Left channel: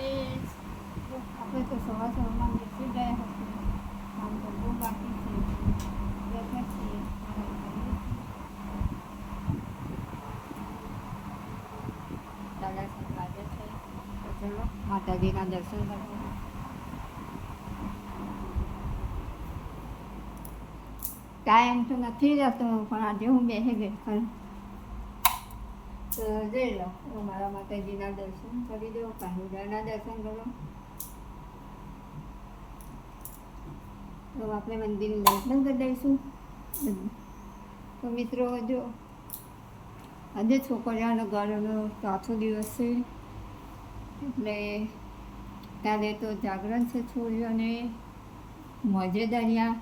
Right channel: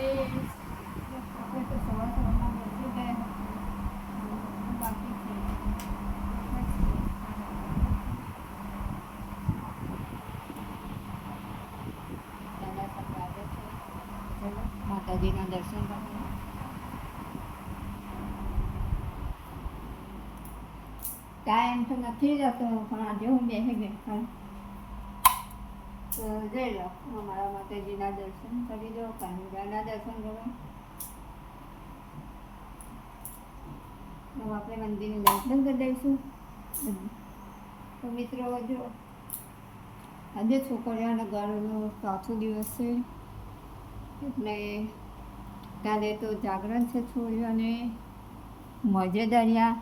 આપણે તો સવારમાં બેસી ગયા હતા. આમ તો બહુ બાકી છે. બેઠા છીએ આરામ કરીએ. દાદા સાહેબ વાગે છે તો ચલો માતાજીના દર્શન કરવા. ટાઈમ તો નથી જતો પણ આજે હું બેસી ગઈ પણ તો જઈ લો અમારા માતાજીના દર્શન કરી દો, કાનુડાના દર્શન કરો. તો આપણે મંદિરની લાઈટ બંધ કરી દઈશું. તો મિત્રો જો આજે છોકરીઓના ઘરનો ચોથો દિવસ છે એટલે ત્યારે તો જાગરણ છે. છોડીઓને મજેદારિયા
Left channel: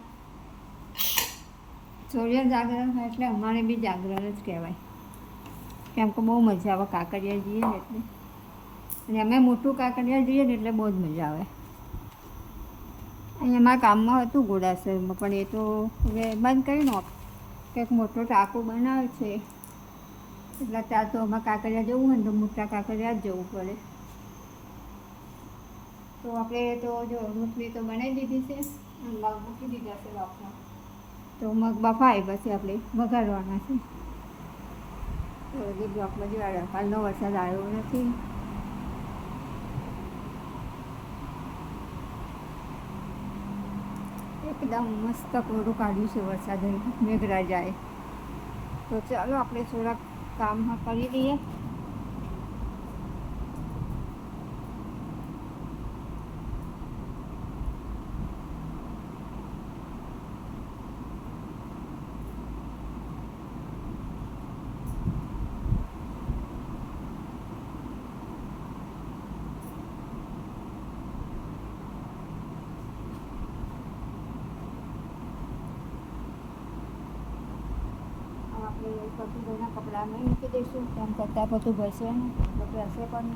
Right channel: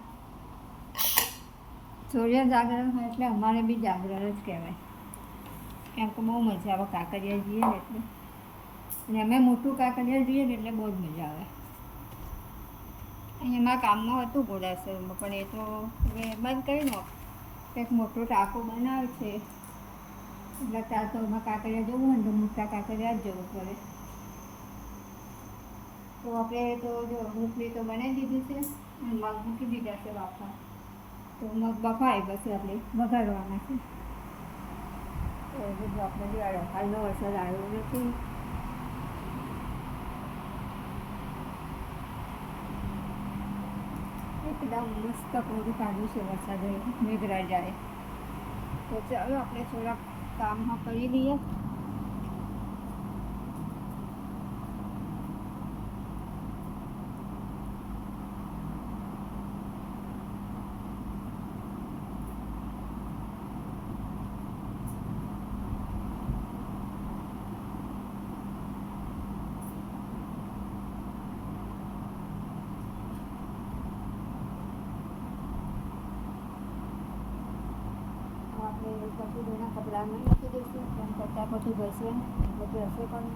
છોડીઓ જાગરણ હોય એટલે અમારે બી જાગરણ જ કહેવાય. કેમ કે બહુ મજા આવે કાંકરિયા જઈએ ને એટલે, અને અમે મોટું કાંકરિયા જઈએ ને એટલે બહુ જ મજા આવે. અહીંયા અમારા કામમાં હતું ઘોડાસરમાં પણ એ તો હવે બંધ કરી નાખ. કંઈક મોટો ટાંકો બનાવે છે એટલે ત્યાં તો અમારે કાંકરિયા જવું હોય ને તો મોટા કાંકરિયા જ જવું પડે. તો આપણે તો જો રોટલી તો બનાવી દીધી છે અને મગ મૂકી દીધા છે બાફવા. તો મગ બફાય પછી આપણે વઘારવાના છે. તો બધું આપણે જોવા હાલનો વરસાદ આવ્યો નથી. એકદમ મસ્ત કોરું કાઢ્યું છે વરસાદ મેઘરાજાએ. તો ચાલો આપણે થોડાક કામ કરી લઈએ. આપણે પશુભાઈના કપડામાં મૂકી દઈશું. તેમ કરતાં પશુભાઈ છે ને બધું હશે પણ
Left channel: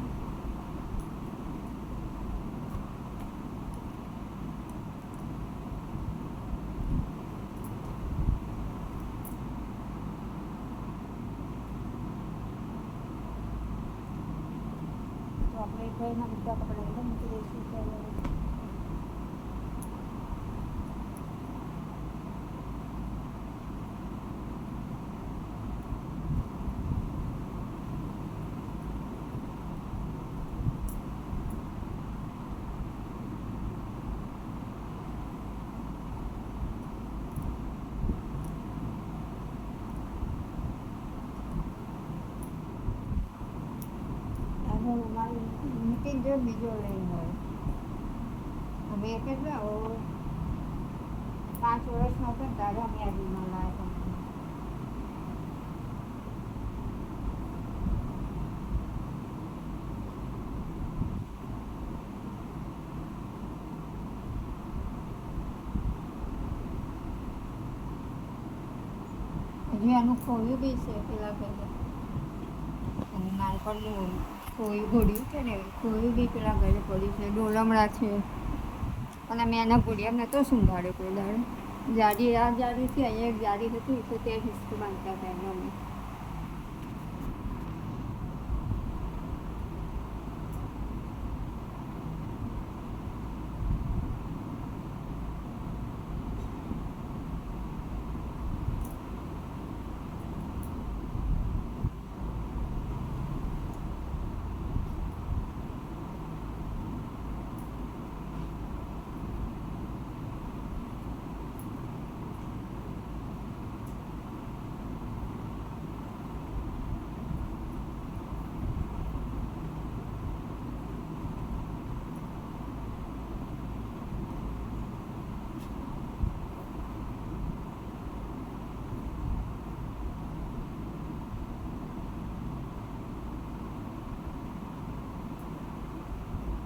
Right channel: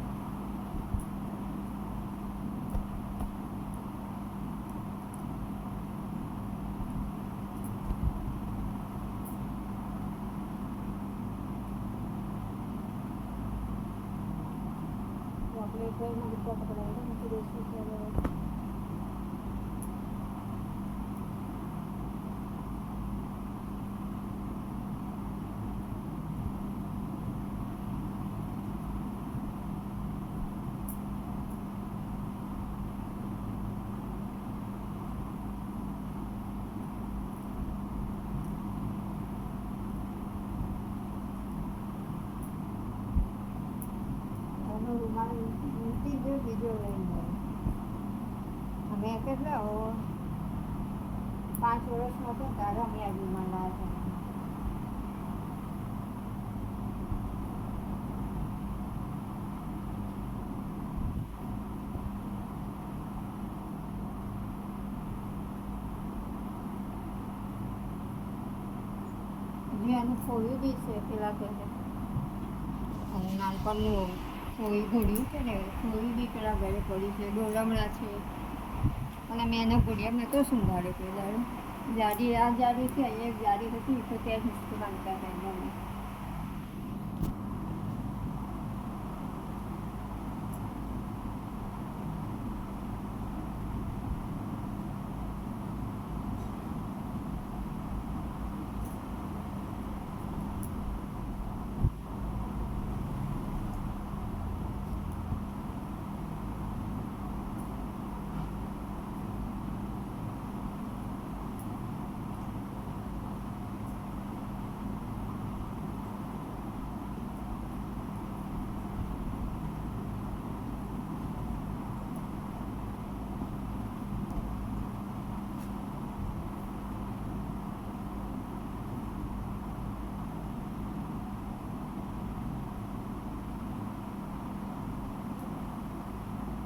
તો આપણે ભાઈના બધા કપડાં મૂકી દઈશું. ત્યારે રૂમાલ મૂકી દો, બીજો લઈને હોય. અમે કેટલા 5 વર્ષનો હતો ત્યારે અમે આ રૂમાલ લાવ્યા હતા. હજી એનું ખોયું બી છે પેલા પહેલાં અને નાનપણનું ખોયું ઘોડ્યું છે ને ખોયું બી પેલા ઘરે પડ્યું છે. ડોલમડા છે અને મેં એના ઘોડિયા મેં તો સંભાળ્યો પેલા જારી આ જારીથી અહીંયા જારી હતી તો ત્યાં હિસ્સો બાંધતા હતા એમાં મેં.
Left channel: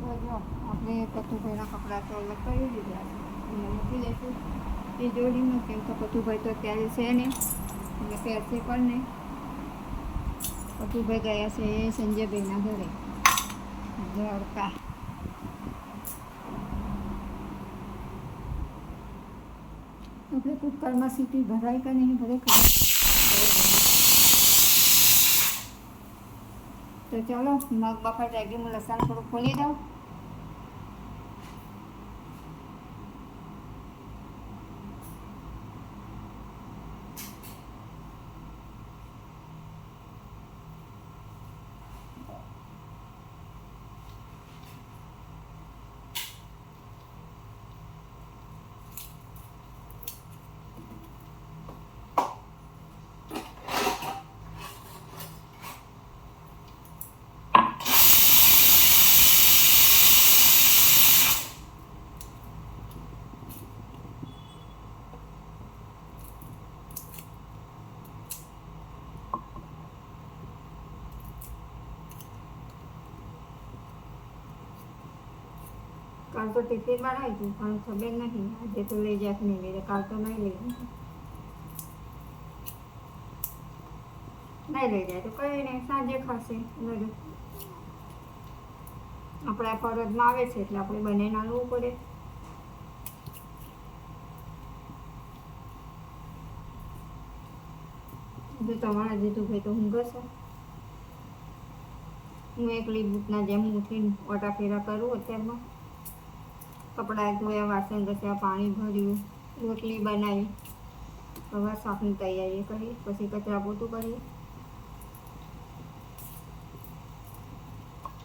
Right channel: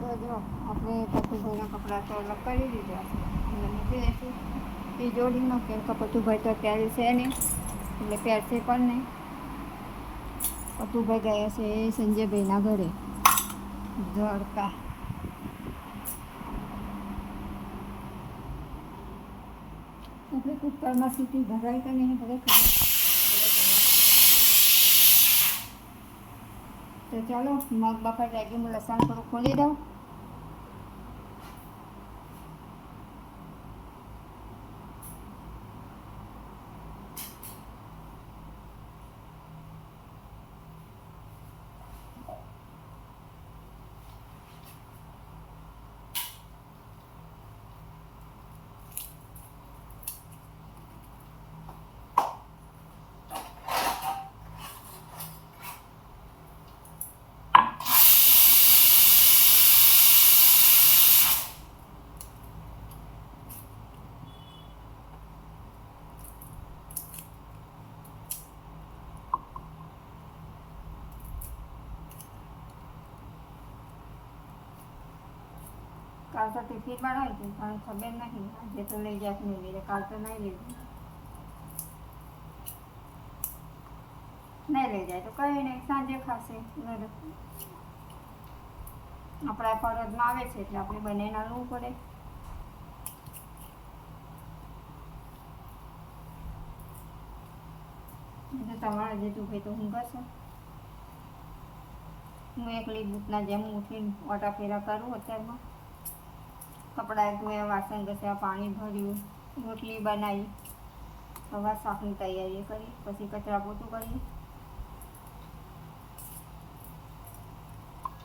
તો જો આપણે પતુભાઈના કપડાં તો અલગ કરી દીધા છે એને મૂકી દઈશું એ જોડીમાં. કેમ કે પતુભાઈ તો અત્યારે છે નહીં એટલે પહેરશે પણ નહીં. પતુભાઈ ગયા છે સંજયભાઈના ઘરે દ્વારકા. આપણે કુકરમાં સીટી ભરાય કે નહીં ખરેખર. તો ચાલો મગ બફાઈ જાય હું લસણ થોડું ખોલી દઉં કાલ તો ટિફિન બનાવ્યું હતું પણ ખબર નહીં આજે તો લઈ જાય નહીં લઈ જાય. કાલ તો નહીં લઈ જાય. નહીં લઈ જાય તો કંઈ નહીં, સાંજે ખાશે બધું. આપણા ફરજમાં આવે છે એટલે આપણે બનાવીને આવવું પડે. જો તમારા જીતુભાઈ તો ઊંઘે છે. હું એકલી બૂટના જેમ ઉઠીને ઓટા ફેરા કરું અત્યારમાં. કપડાં ધોયા, વાસણ ઘસ્યા, પાણી ભર્યું, રોટલી બનાવી. હવે શાકની તૈયારી કરી, પછી કચરા પોતું કરીએ.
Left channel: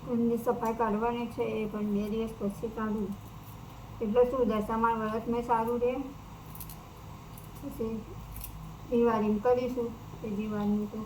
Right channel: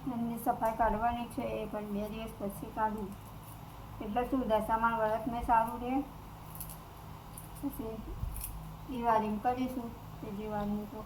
ઘરની સફાઈ કાઢવાની છે એ પણ 2 દિવસ પછી કાઢું. એટલે શું દશામાં વ્રત મેં સારું રહે. પછી દિવાળીમાં કરીશું તે દિવાળીનું તો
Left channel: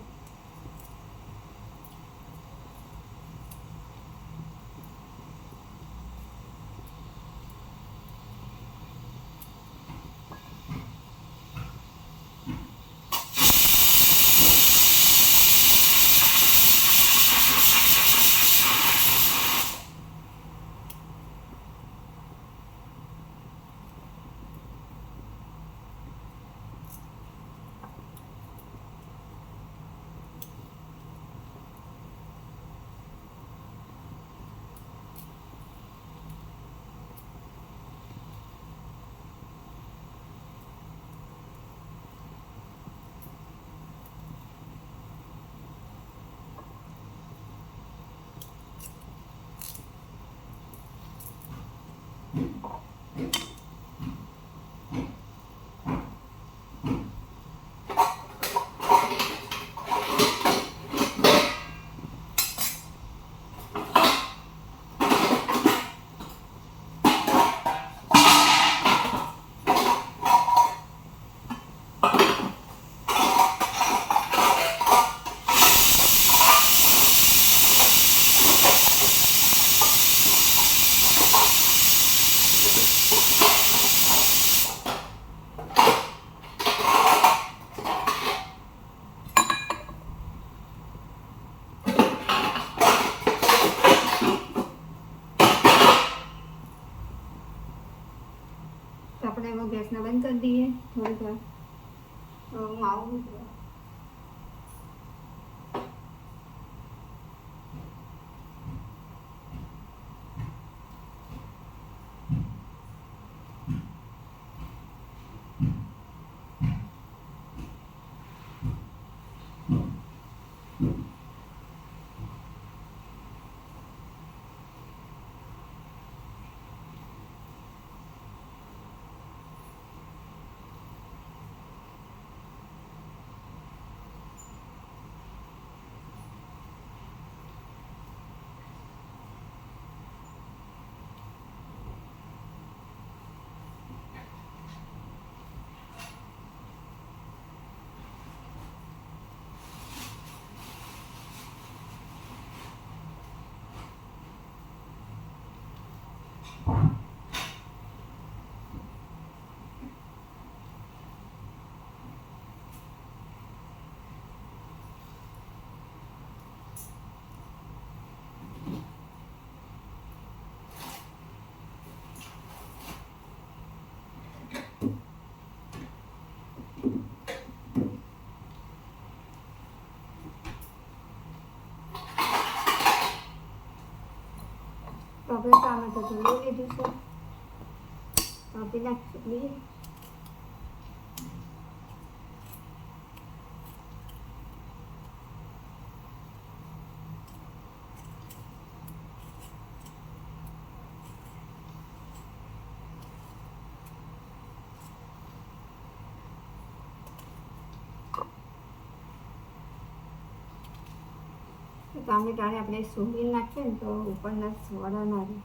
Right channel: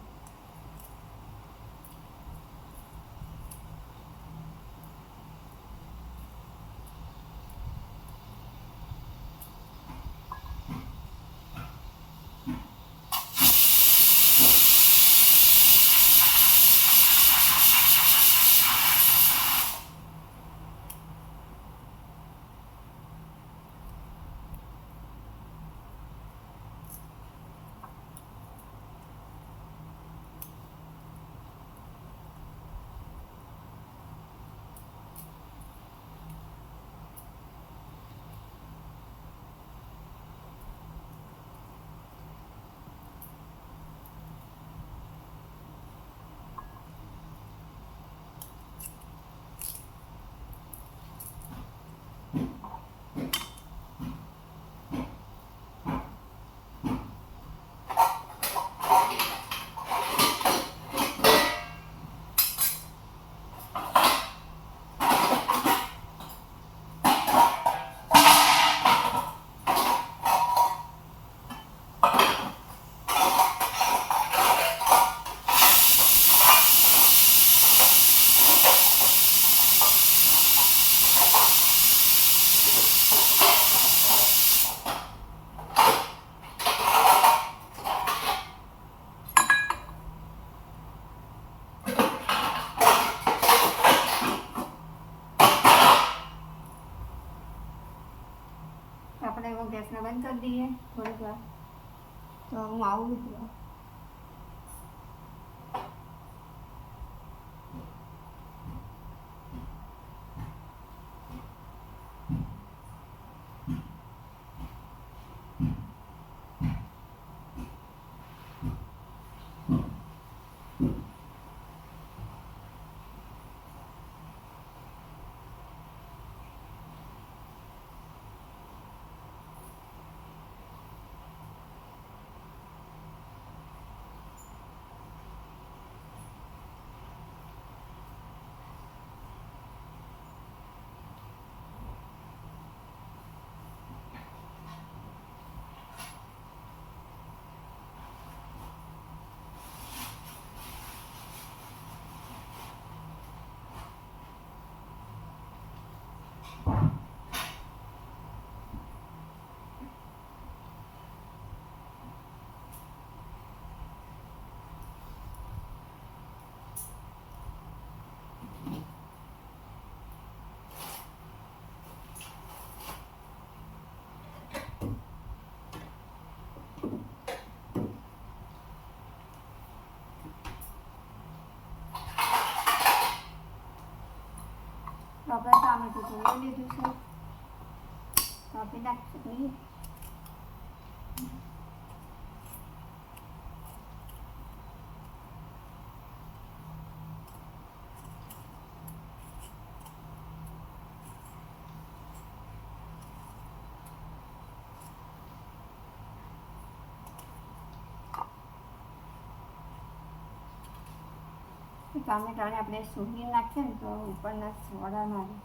આપણે હવે ગેસને બંધ કરી દઈએ થોડીક વાર. તો હું આવું. હવે ટામેટું તો લઈ લીધું છે, કાપી નાખીએ. ટામેટાને આપણે સૂંઘી નાખીએ ને તો ઉપરના સોડા મારે.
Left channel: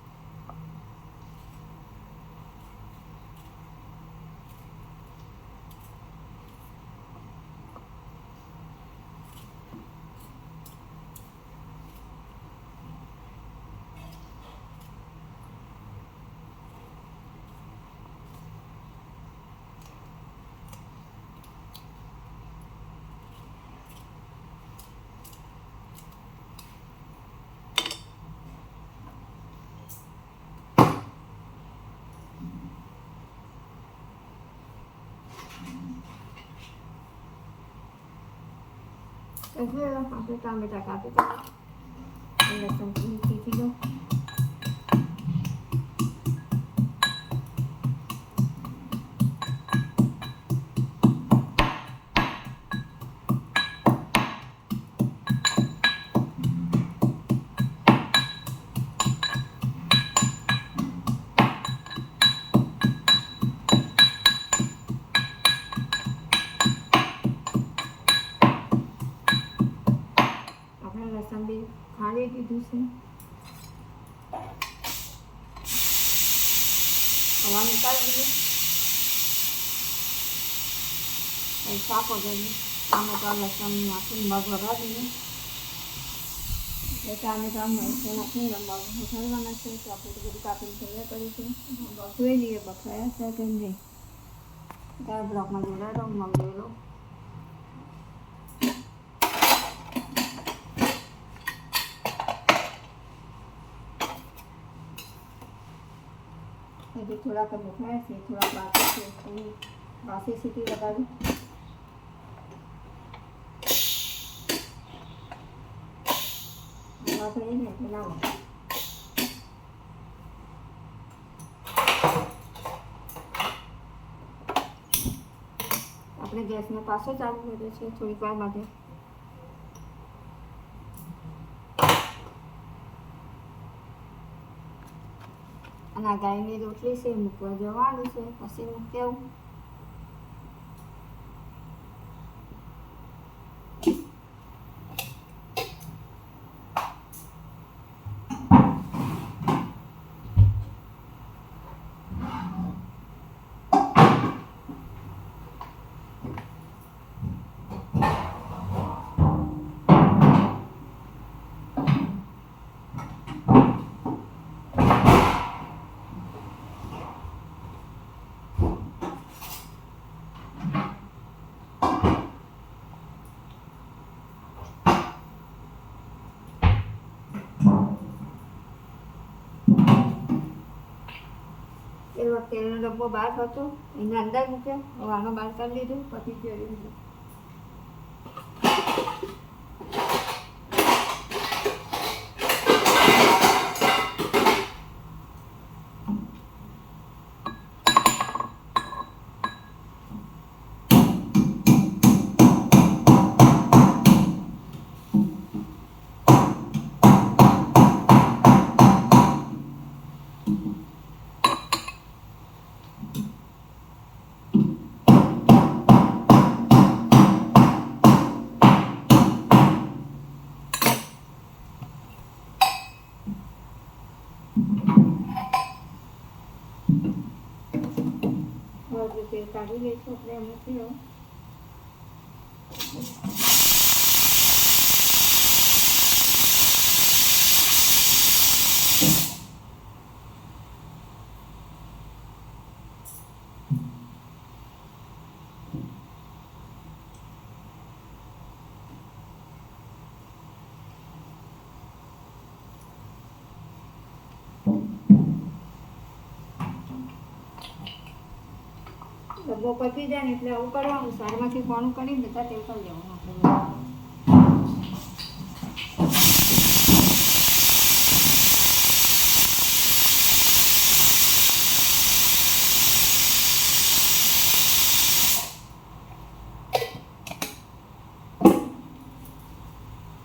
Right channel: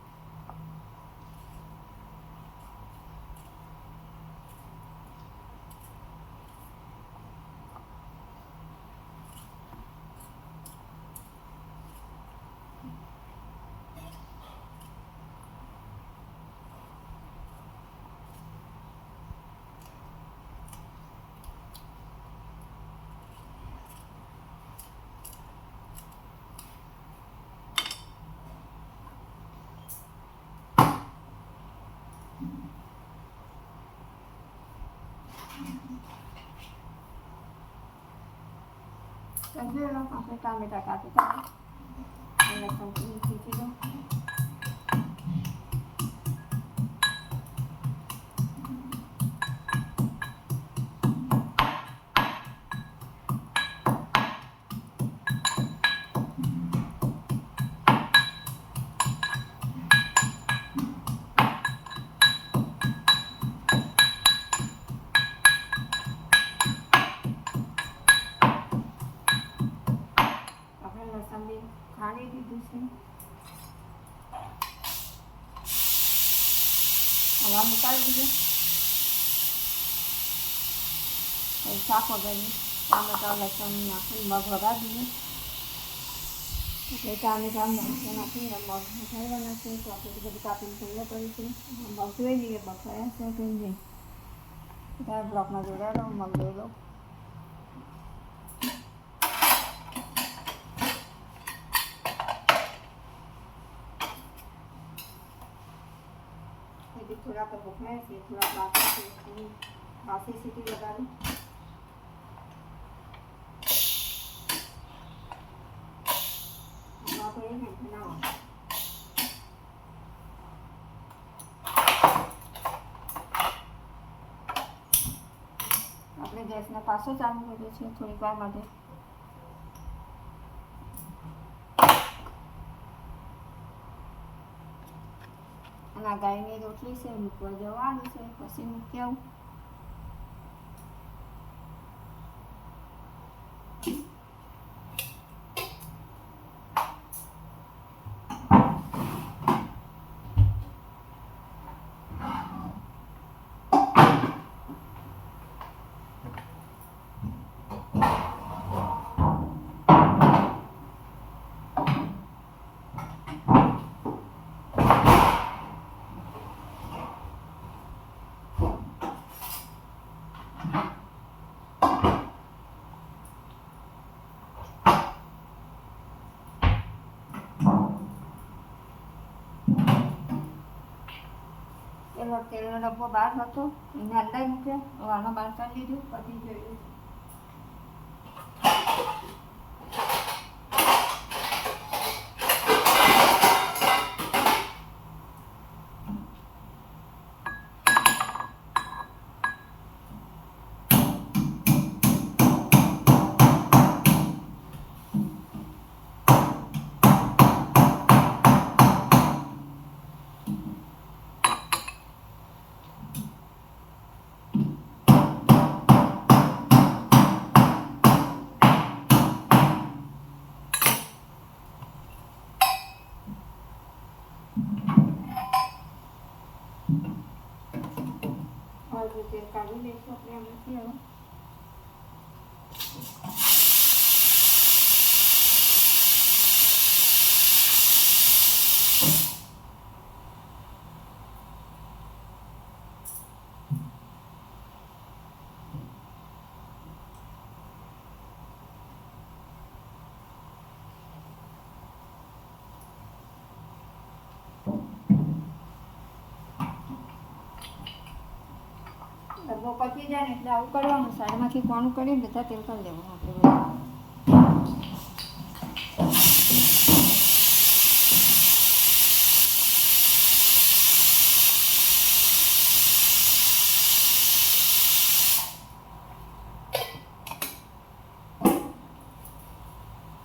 હજુ આપણે ટામેટા કાપી કાઢીએ લસણ શીખી દઉં. લસણ બી ખાલી દીધું છે. હવા નીકાળી દીધું. શાક વગાડી ટામેટા લસણ નાખીને મગ વગાડી દીધું. એટલે ટામેટા મરચાં નાખીને મગ વઘારવાના છે. તો આપણે બધું કાપીને તૈયાર કરીશું. મગ જોઈ લઈએ બફાયા છે કે નહીં. ત્યારે બ્લોકમાં જોડાયેલો મગ જોઈ લો. હજી થોડાક બફાયા છે, થોડાક બાકી છે. બાસી સીટી લગાવી આપણે ને બનાવો. આપણે ગેસને પાછો ચાલુ કરીએ છીએ થોડીક વાર માટે. અને આ ગાયની રોટલી છે મૂકવા જવાનું છે, પછી મૂકી આવું. પેલો તેલનો ડબ્બો બહાર હતો એને અંદર મૂક્યો. હવે આનો બહાર કાઢી લીધું. પછી જોયું છે તેલ કાઢી લઈશું આપણે અમુકથી હવે. ડબ્બો પતી જાય ને એટલે આવું કરવાનું. સાઈડમાંથી કોણું કરી બધા તેલ કરી દેવાનું આપણે.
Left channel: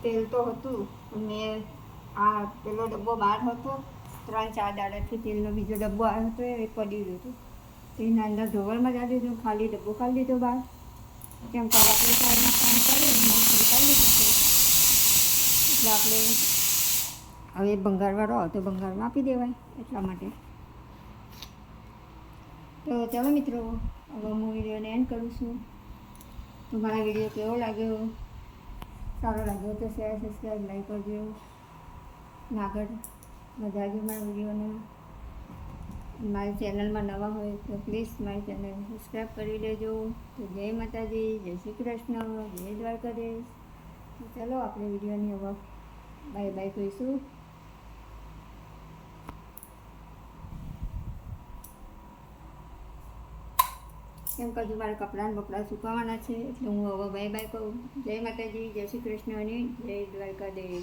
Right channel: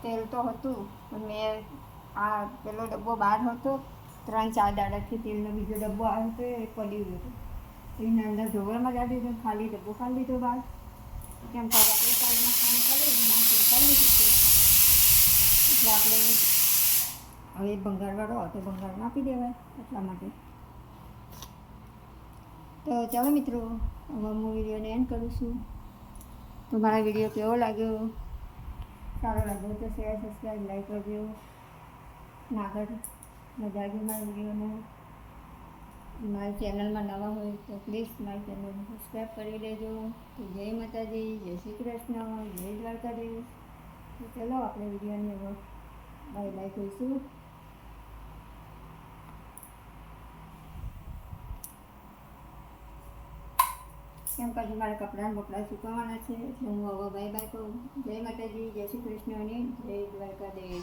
તેલ તો હતું પણ મેં આ પેલો ડબ્બો બહાર હતો. 3-4 દાડાથી તેલનો બીજો ડબ્બો આવ્યો હતો એ પડી ગયો હતો. એના અંદર ઢોવરમાં જ દીધું. ખાલી ડબ્બો ખાલી લીધો બહાર. કેમ કે આપણે કામ કરીએ કરી લીધું છે. એટલે આપણે હવે ભંગારવાળો હોય તો ભંગારમાં આપી દેવાય એટલા માટે. તો ચાલો મિત્રો, હવે હું વિડીયોને એન્ડ કરું છું. તો મારા વિડીયો કેવો લાગ્યો, સારો લાગ્યો તો શેર, સબસ્ક્રાઈબ, લાઈક કરજો. આગળ મજા આવી મારા વિડીયોને. મારી ચેનલમાં નવા હોય તો પ્લીઝ મારી ચેનલને સબસ્ક્રાઈબ કરી લેજો. તો જય માતાજી, જય શ્રી કૃષ્ણ, જય દ્વારકાધીશ. તો ચલો આપણે વિડીયોની હવે બાય બાય કહીશું. કેમ કે હજુ મારે કપડાં બપડાં સુકવવાના છે એટલે હું હવે બાય બાય કહું. જય માતાજી, જય શ્રી કૃષ્ણ અને જય દ્વારકાધીશ.